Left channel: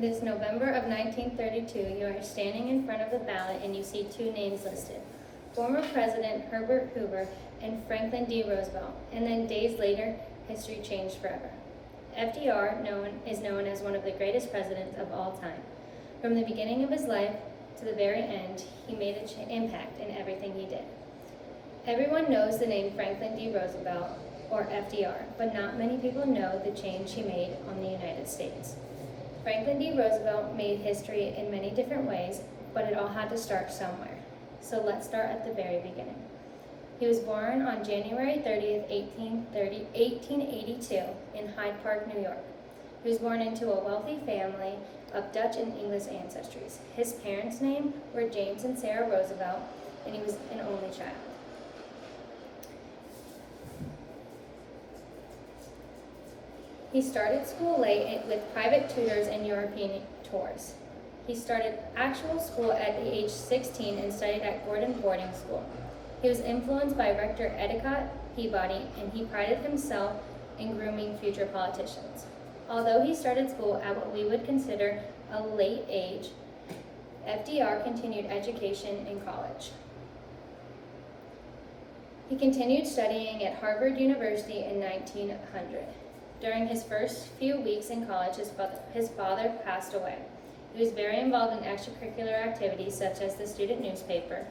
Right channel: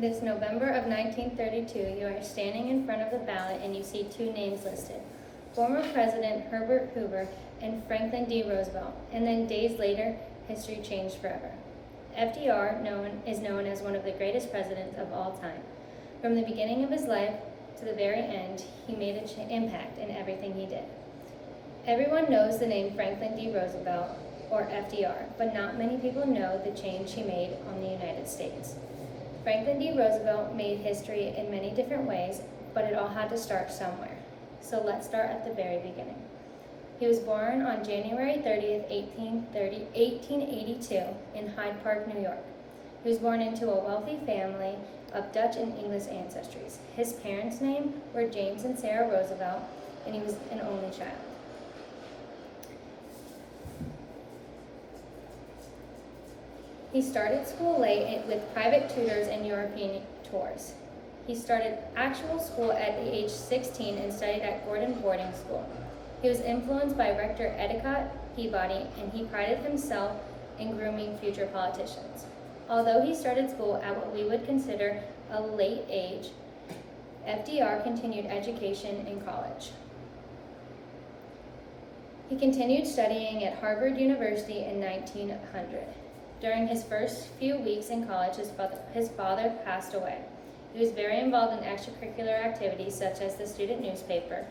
It is November of 1932. You are standing in front of the ballot and you see two names listed: former President Herbert Hoover and Franklin D. Roosevelt. And then days later, history changed forever. FDR is known as one of the greatest presidents of all time. From the beginning of his life to the very end, he made an impact in everything he did. Everyone knows the name Franklin D. Roosevelt, or FDR, but not many people know the change he made on the United States. Franklin D. Roosevelt made history in many different ways, but it all had to start somewhere. So let's start at the very beginning. He was born on January 30th, 1882 in Hyde Park, New York. He was born into a wealthy family of Dutch and English ancestries. His parents' names were James and Sarah Roosevelt, and he was an only child. He started school late with private tutors and European tours. He started actual school at the age 16 and studied at Gordon Boarding School. He was influenced by Rector Endicott Peabody, and he prided himself in grooming future politicians. Although he started school at what we would consider a late age, FDR continued education in college. He continued studying at Harvard University in 1900. During his first few weeks in college, his father passed away. He was very involved in extracurricular activities such as the student newspaper,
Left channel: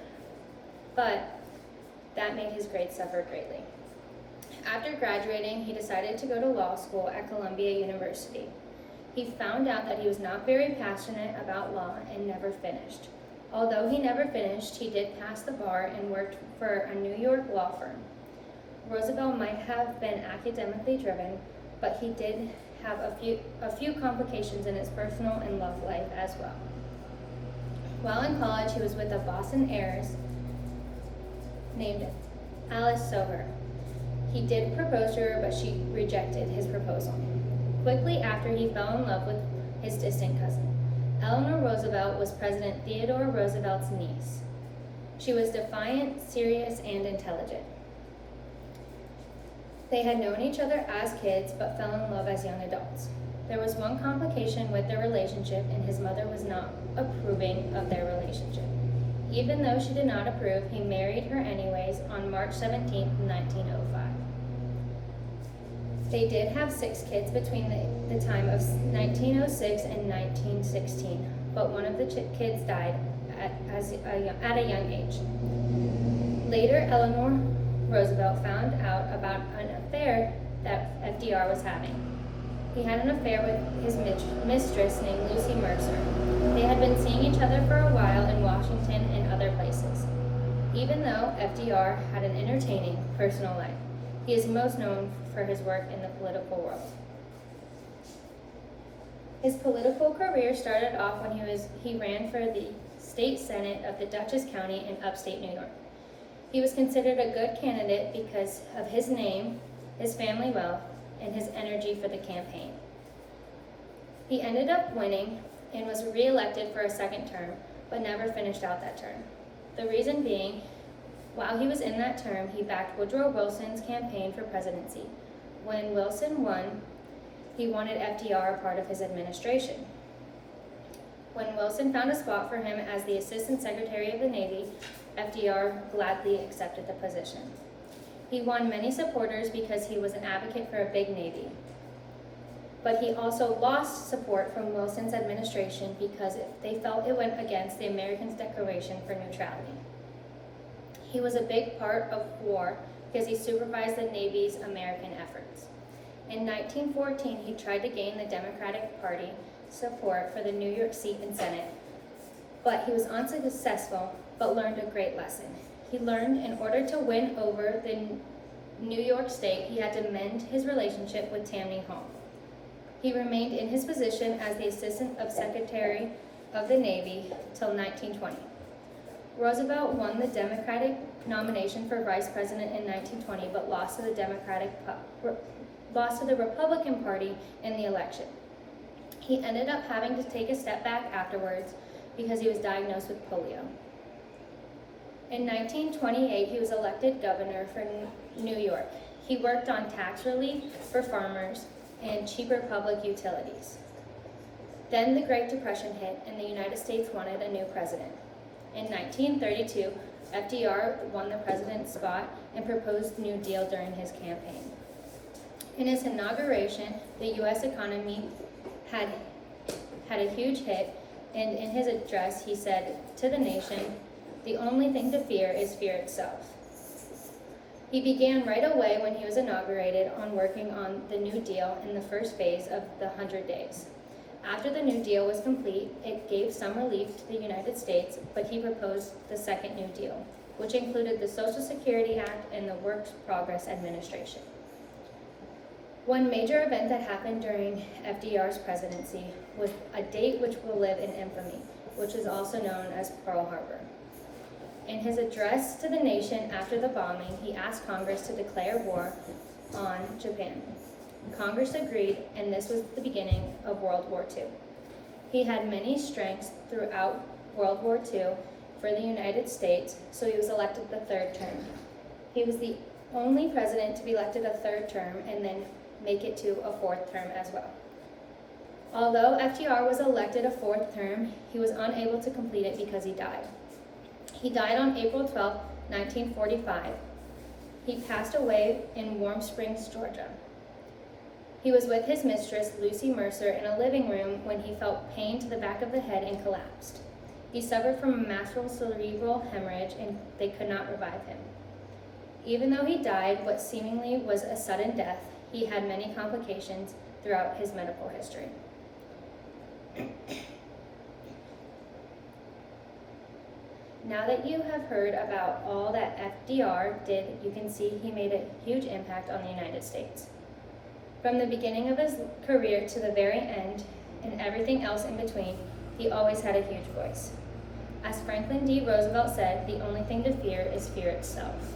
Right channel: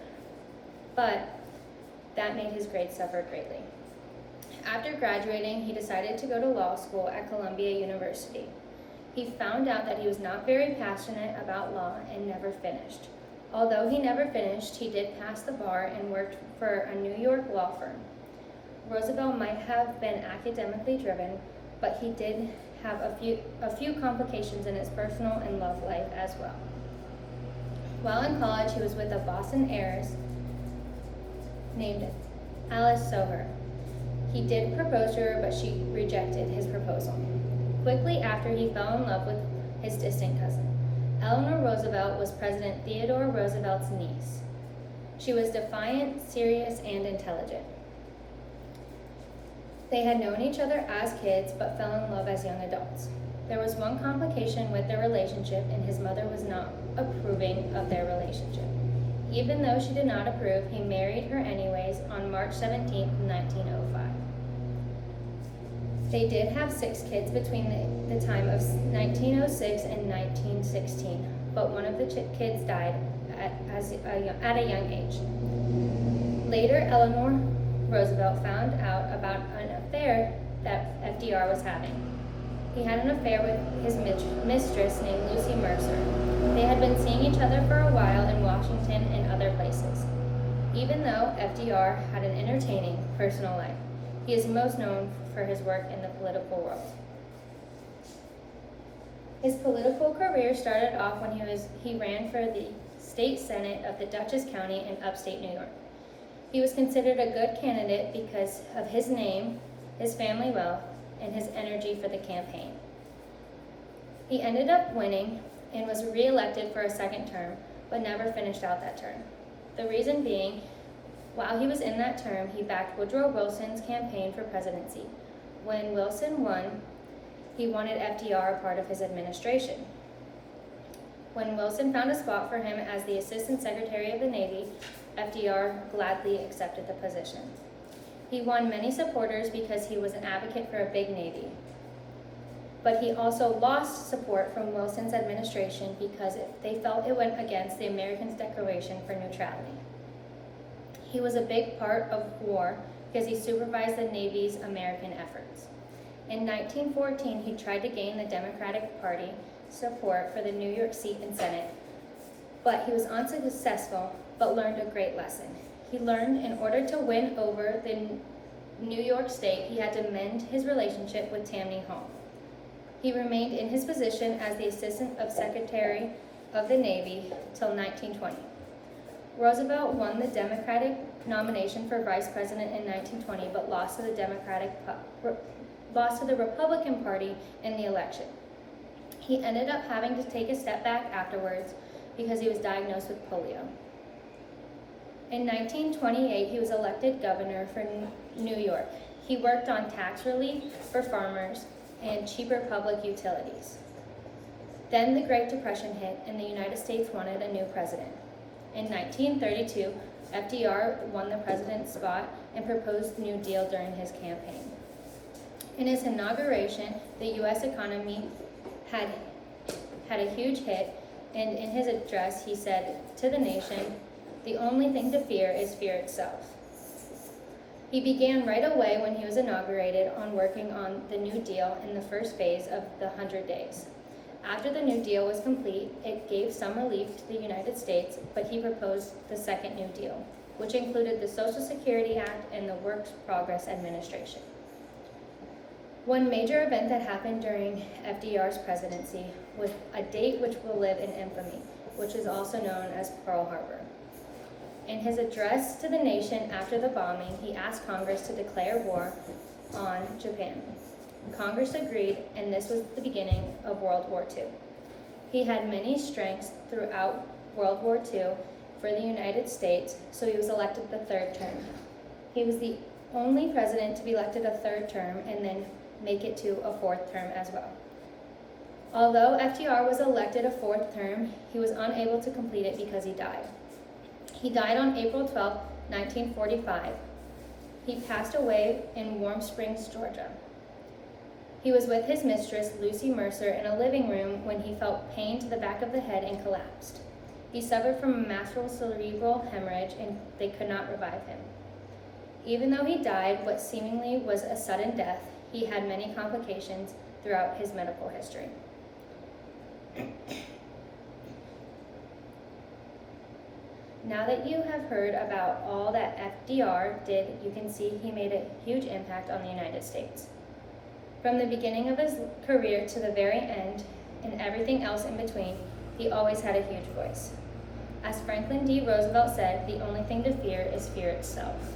but that made his grades suffer greatly. After graduating, he decided to go to law school at Columbia University. He found out that he was not very passionate about law and never finished. Although he never finished, he did pass the bar and worked for a New York law firm. Roosevelt might have been academically driven, but he did have a few complications in his personal and love life as well. While in college, he was with a Boston heiress named Alice Silver. He did propose to her, but she rejected his proposal. Quickly after, he fell in love with his distant cousin. Eleanor Roosevelt was President Theodore Roosevelt's niece. She was defiant, serious, and intelligent. They had known each other as kids, but fell in love as young adults. There was one complication with their relationship, and his mother was not approving of their relationship. Even though she did not approve, he married her anyways on March 17, 1905. They did have 6 kids between the time of 1906 and 1916, but one of the kids died at a young age. Later, Eleanor Roosevelt found out about an affair that FDR was having. He had an affair with his mistress named Lucy Mercer. They had been seeing each other for a while in Washington and other places. Even though FDR had an entertaining personal life, he is most known for his work in the political world. His political career started off when he ran for the state senate of the Dutchess County in upstate New York. He was considered a good candidate because of his name, his family wealth, and his energy for the campaign. He ended up winning and was re-elected for a second term, but never finished out that term. The reason being, while he was in that term, he backed Woodrow Wilson's campaign for presidency. When Wilson won, he wanted FDR a part of his administration. When Wilson found a spot for him as the Assistant Secretary of the Navy, FDR gladly accepted the position. He won many supporters because he was an advocate for a big Navy. But he also lost support from Wilson's administration because they felt it went against the Americans' Declaration for Neutrality. He was a big part of war because he supervised the Navy's American efforts. In 1914, he tried to gain the Democratic Party support for the New York seat in Senate, but he was unsuccessful, but learned a great lesson. He learned in order to win over the New York state, he had to mend his relationship with Tammany Hall. He remained in his position as the Assistant of Secretary of the Navy till 1920. Roosevelt won the Democratic nomination for Vice President in 1920, but lost to the Republican Party in the election. He ended up having to take a step back afterwards because he was diagnosed with polio. In 1928, he was elected governor for New York. He worked on tax relief for farmers and cheaper public utilities. Then the Great Depression hit, and the United States wanted a new president. In 1932, FDR won the president's spot and proposed the New Deal during his campaign. In his inauguration, the U.S. economy had a huge hit, and in his address, he said to the nation, "The only thing to fear is fear itself." He began right away when he was inaugurated on working on the New Deal in the first phase of the 100 days. After the New Deal was complete, it gave some relief to the United States, but he proposed the second New Deal, which included the Social Security Act and the Works Progress Administration. One major event that happened during FDR's presidency was a date which will live in infamy, which is also known as Pearl Harbor. In his address to the nation after the bombing, he asked Congress to declare war on Japan. Congress agreed, and this was the beginning of World War II. He had many strengths throughout World War II for the United States, so he was elected the third term. He was the only president to be elected a third term and then make it to a fourth term as well. Although FDR was elected a fourth term, he was unable to complete it because he died. He died on April 12, 1945. He passed away in Warm Springs, Georgia. He was with his mistress, Lucy Mercer, in a living room when he felt pain to the back of the head and collapsed. He suffered from a massive cerebral hemorrhage and they could not revive him. Even though he died what seemingly was a sudden death, he had many complications throughout his medical history. Now that you have heard about all that FDR did, you can see he made a huge impact on the United States. From the beginning of his career to the very end, and everything else in between, he always had a huge voice. As Franklin D. Roosevelt said, "The only thing to fear is fear itself."